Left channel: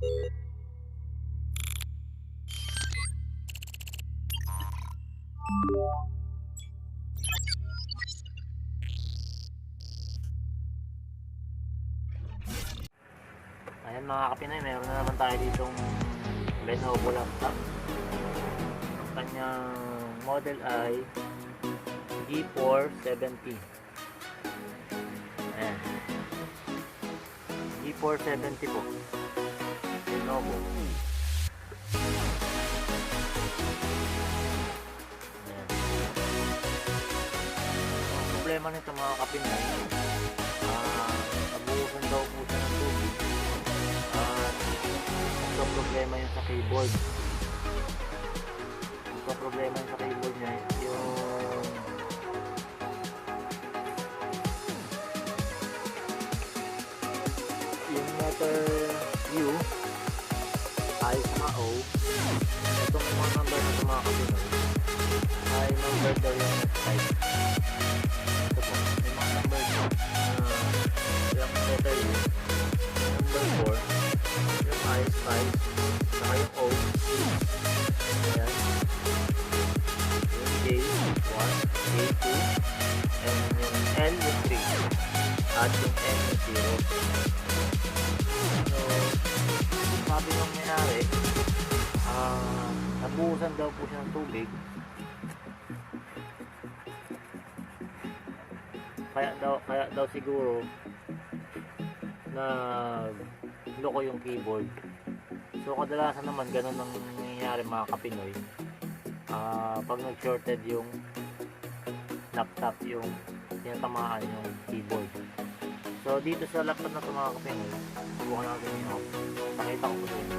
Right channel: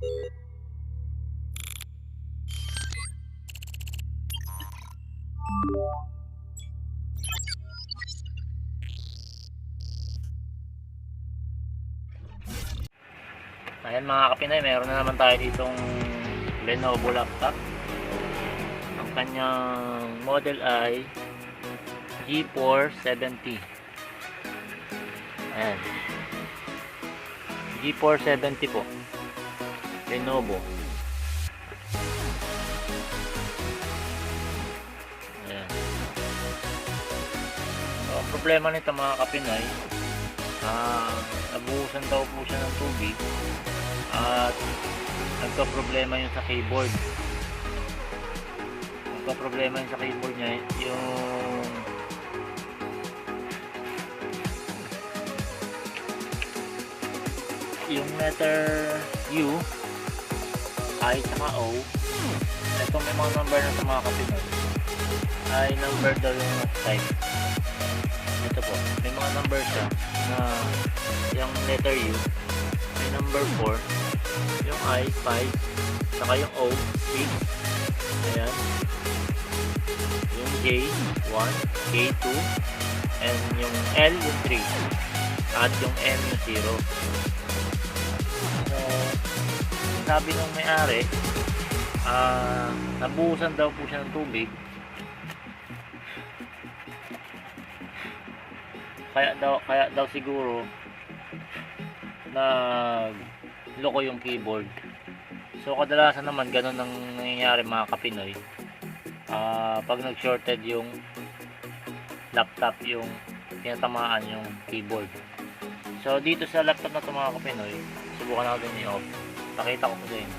Ayan mga kapinay, meron na naman tayo ditong Lenovo laptop. Ang kanyang model ay G470. Ayan, G470 po, Lenovo. Ayan. So, ang problema nito mga kapinay, nabuhusan daw po siya ng tubig at nagka-problema yun sa keyboard. Nagka-problema yun sa keyboard niya, yung letter U, I, saka O. Itong mga number na ito mga kapinay ay number daw yung type. Ito po, may mga number siya na yung letter U, may number 4, yung I, 5, saka yung O, 6. Ayan. Yung J, 1, K, 2, and yung L, yung 3, at yung M, yung 0. So, sabi ng may-ari, nabuhusan daw po siya ng tubig, kaya daw siguro nagloko yung keyboard. So kadalasan naman ganun ang nangyayari mga kapinoy, pag nag-shorted yung laptop, yung tinatamaan yung keyboard. So dito sa laptop na ito mga kapinoy, subukan natin i-off. Pakita ko po sa inyo.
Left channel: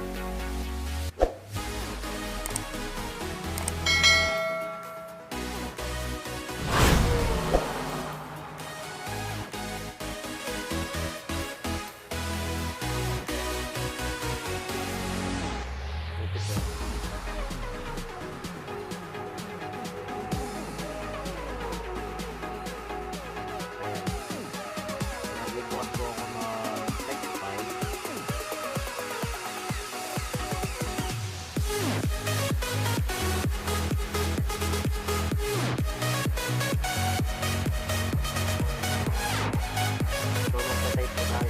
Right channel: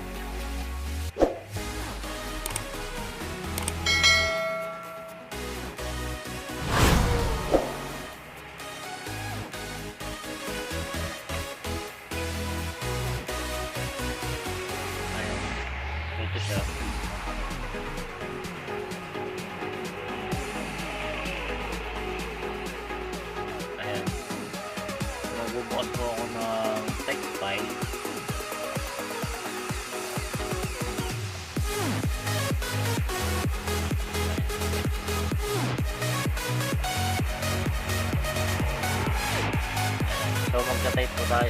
Type po tayo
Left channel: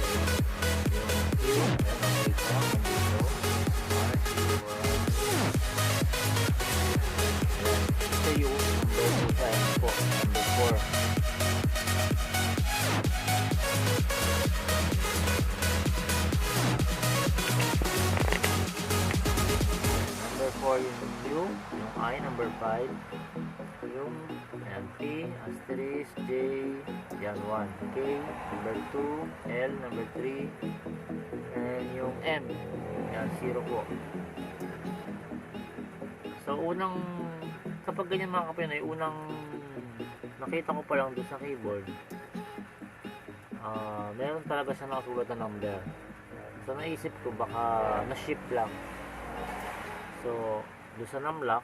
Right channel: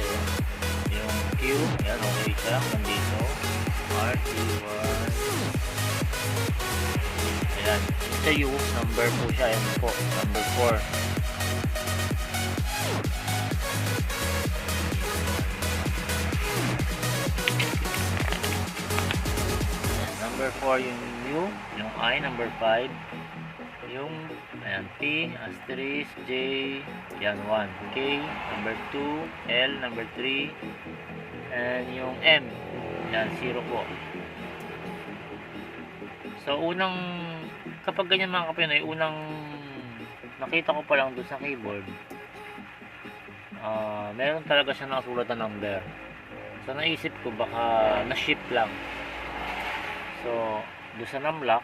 yung Q, yan ang siya nandito, RT1, ayan, sa U, number 2 siya, yan po, number 4. Number 4 yung U, yung I, number 5, yung ayan, P, asterisk, J, yan 1, K, number 2, L, number 3, and yung M, yan 0 po. So unang, kapag ganyan mga kapinoy, unang nakita ko pa lang doon sa keyboard, meron talaga siya nakasulat na number. So naisip ko baka na-shift lang. So doon sa numlock,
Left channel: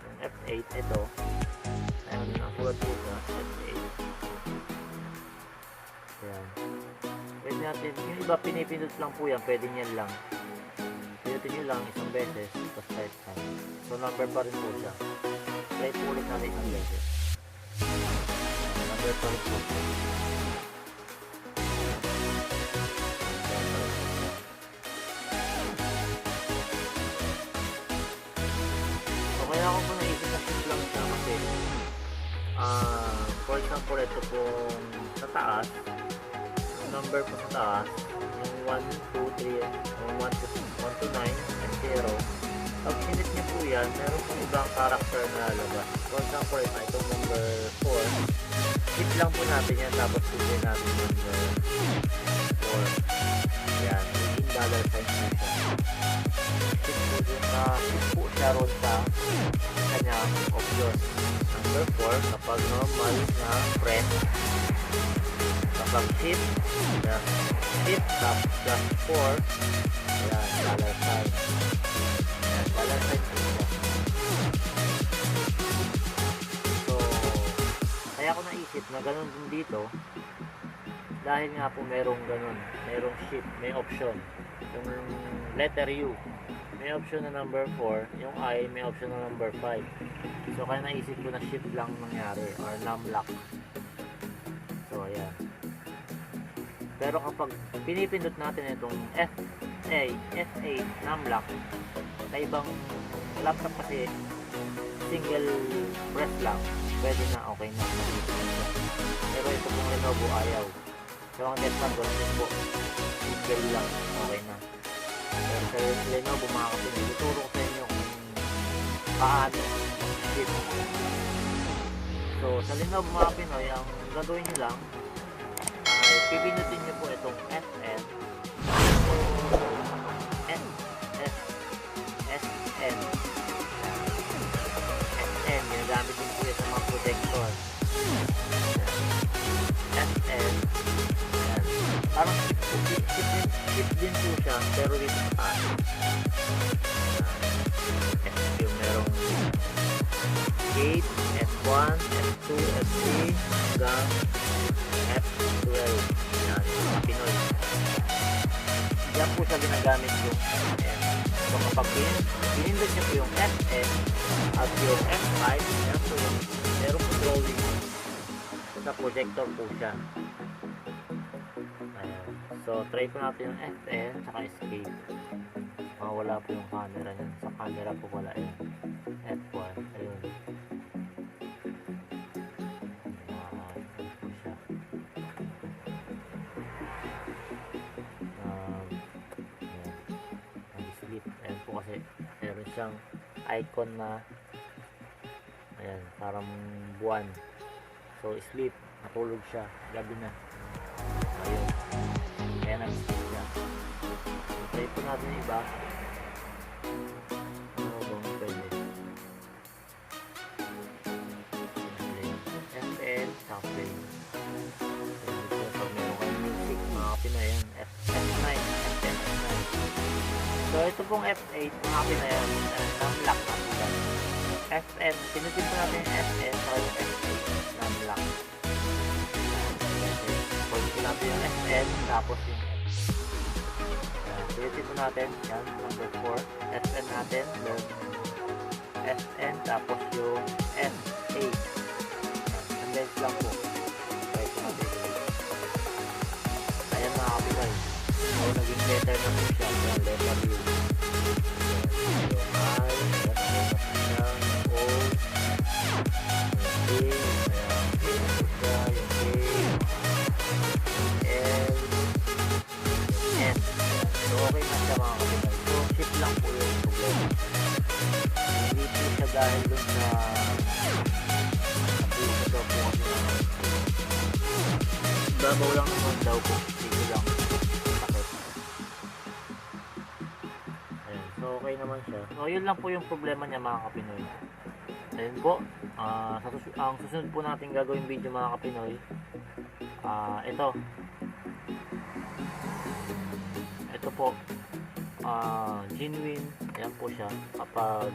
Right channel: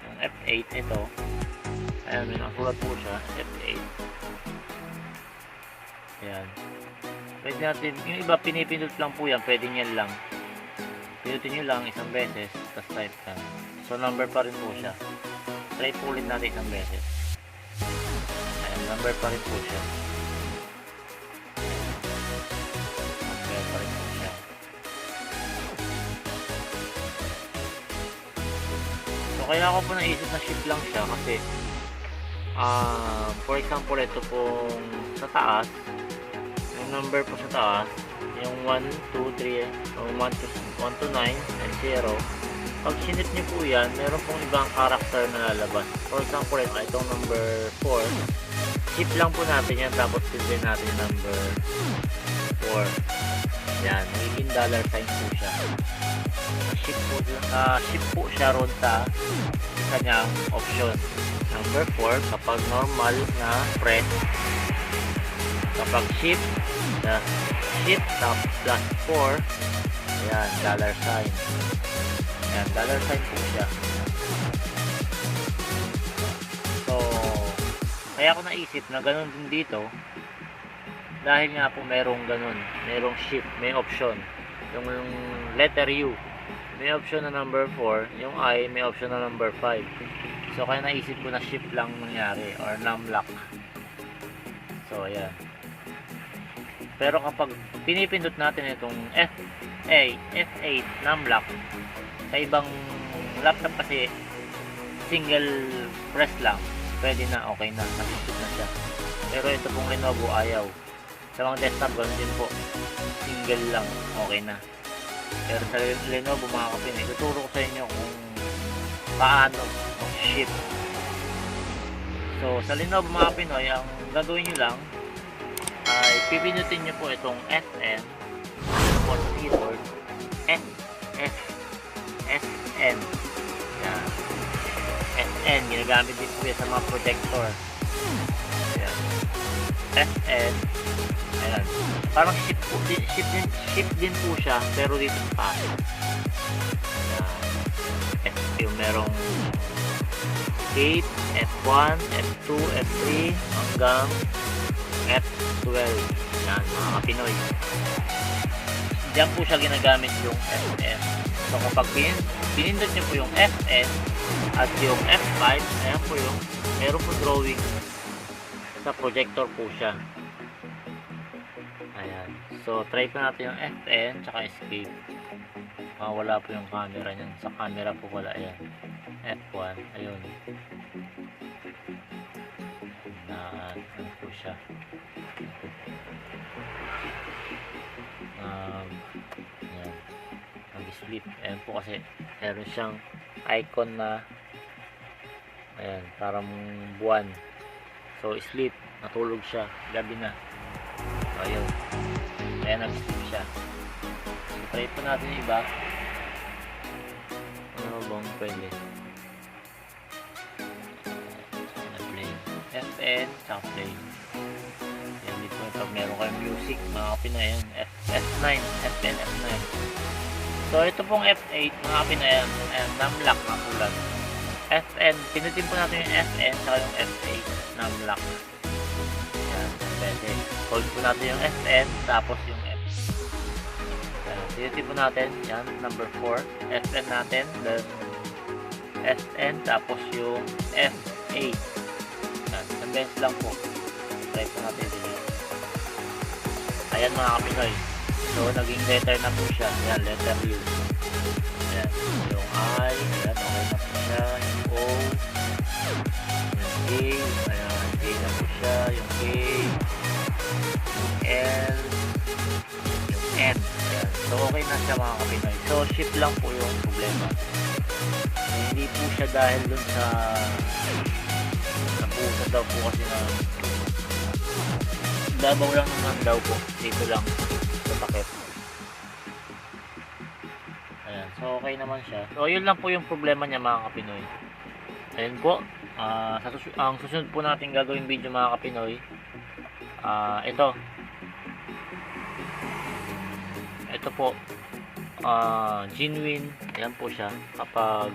yung F8 ito, ayan, may nakasulat po siya, F8. Ayan. Pwede natin, yung iba pinipindot lang po yan, pwede nyo lang. Pinutin nyo lang isang beses, tapos type time. So number pa rin po siya. Try po ulit natin isang beses. Ayan, number pa rin po siya. Kaya ako po naisip na shift lang siya kasi for example ito pong sa taas, yung number po sa taas, yung 1, 2, 3, 1 to 9 and 0, pag sinip niyo po yan, meron pong ibang character na lalabas. For example itong number 4, shift lang po natin yan, tapos silver natin number 4. Yan, $18 po siya. Shift po siya ron sa kanyang option. Number 4, kapag normal na press, kapag shift na plus 4, ayan, dollar sign. Ayan, dollar sign po siya. So, kaya ko naisip na ganun din dito, dahil nga po merong ganun, merong shift, may option. yung letter U may option na number 4, yung I may option na number 5. So kaya naisip ko na shift lang nangyari or num-lock. So ayan. Pero kapag pinipindot natin itong F8 num-lock sa ibang laptop kasi single press lang, pwede na, okay na, naisip na siya. Pero ito pong Lenovo ayaw. Sa mga desktop ganun din po, single lang, okay na. Pero sa Lenovo mga kapatid, tuturo ko sa inyo kung paano shift. So sa Lenovo mga Pinoy, ang gagawin nyo lang ay pipindutin nyo po itong SN SN SN, ginagamit din po yan sa mga projector. SN, ayan, parang shift din po siya, pero dito pa yung merong gate, F1, F2, F3 hanggang F12. Yan, mga Pinoy. Diyan po siya ginagamit yung FN. So kapag pinindot nyo po yung FN at yung F5, ayan po yung meron po drawing sa projector po siya. Ayan. So try ko natin yung FN tsaka escape. Wala po yung camera niyan. Sa camera po wala. Ayan. F1. Ayun. Ano po siya. Ayan. Mag-sleep. Ayan po kasi meron siyang icon na ayan, parang buwan. So sleep. Natulog siya. Gabi na. Ayun. Ayan, nag-sleep siya. Try po natin yung iba. Ano bang pwede? Play. FN, stop play. Yan dito pag meron kayong music, mga Pinoy, yan. F9, FN, F9. So ito pong F8, mga Pinoy, yan. Num-lock na tulad. FN, pinutin po natin yung FN sa yung F8, num-lock. Pwede. Hold po natin yung FN, tapos yung pinutin po natin, yan, number 4, FN natin, then SN, tapos yung F8. Yan, condense lang po. Try po natin delete. Ayan mga Kapinoy. So, naging letter na po siya. Yan, letter U. Yan, yung I, yan, na po siya, yung O, yung A, ayan, A na po siya, yung A, yung L, yung N. So okay na siya mga Kapinoy. So shift lang po yung problema. Hindi po siya dahil dun sa napusa daw po kasi na babaw lang naman daw po. Dito lang sa takip. Ayan. So okay naman siya. So yun lang po yung problema niya mga Kapinoy. Ayan po. Ang susunod po natin gagawin video mga Kapinoy. Ito po, genuine, ayan po siya, kapag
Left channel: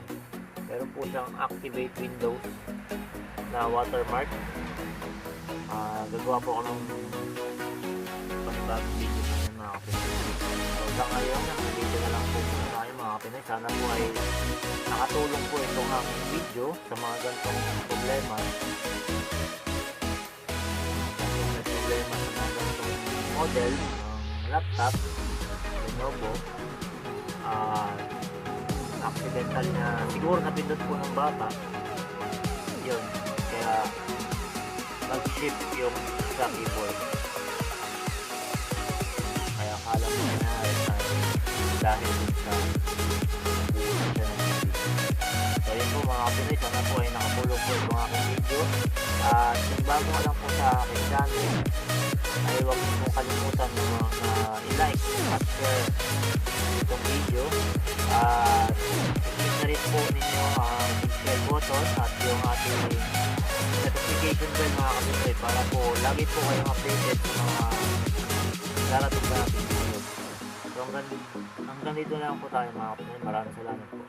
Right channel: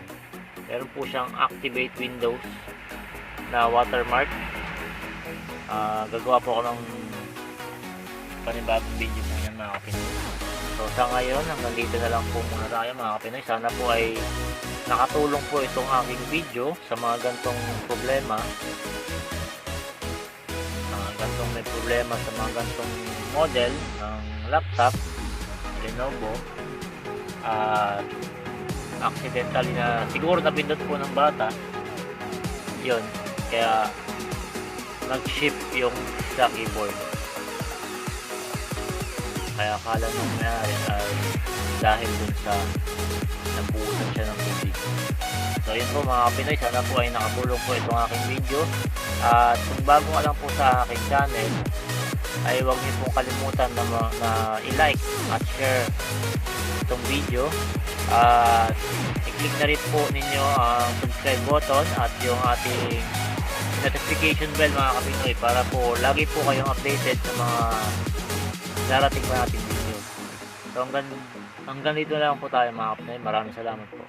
meron po siyang activate Windows na watermark, gagawa po ako ng panibagong video po yan mga Kapinoy. So sa ngayon, hanggang dito na lang po muna tayo mga Kapinoy. Sana po ay nakatulong po itong aking video sa mga ganitong problema, may problema sa mga ganitong model ng laptop Lenovo, accidentally na siguro napindot po ng bata yun, kaya nag-shift yung sa keyboard, kaya akala nyo mayari ay dahil dun sa nabuusan siya ng video. So yun po mga Pinoy, sana po ay nakatulong po itong aking video, at kung bago ka lang po sa aking channel ay huwag niyo pong kalimutan na i-like at share itong video, i-click na rin po ninyo ang subscribe button at yung ating notification bell mga Kapinoy, para po lagi po kayong updated sa mga darating na ating video. So hanggang dito lang po tayo mga Kapinoy. Maraming salamat po.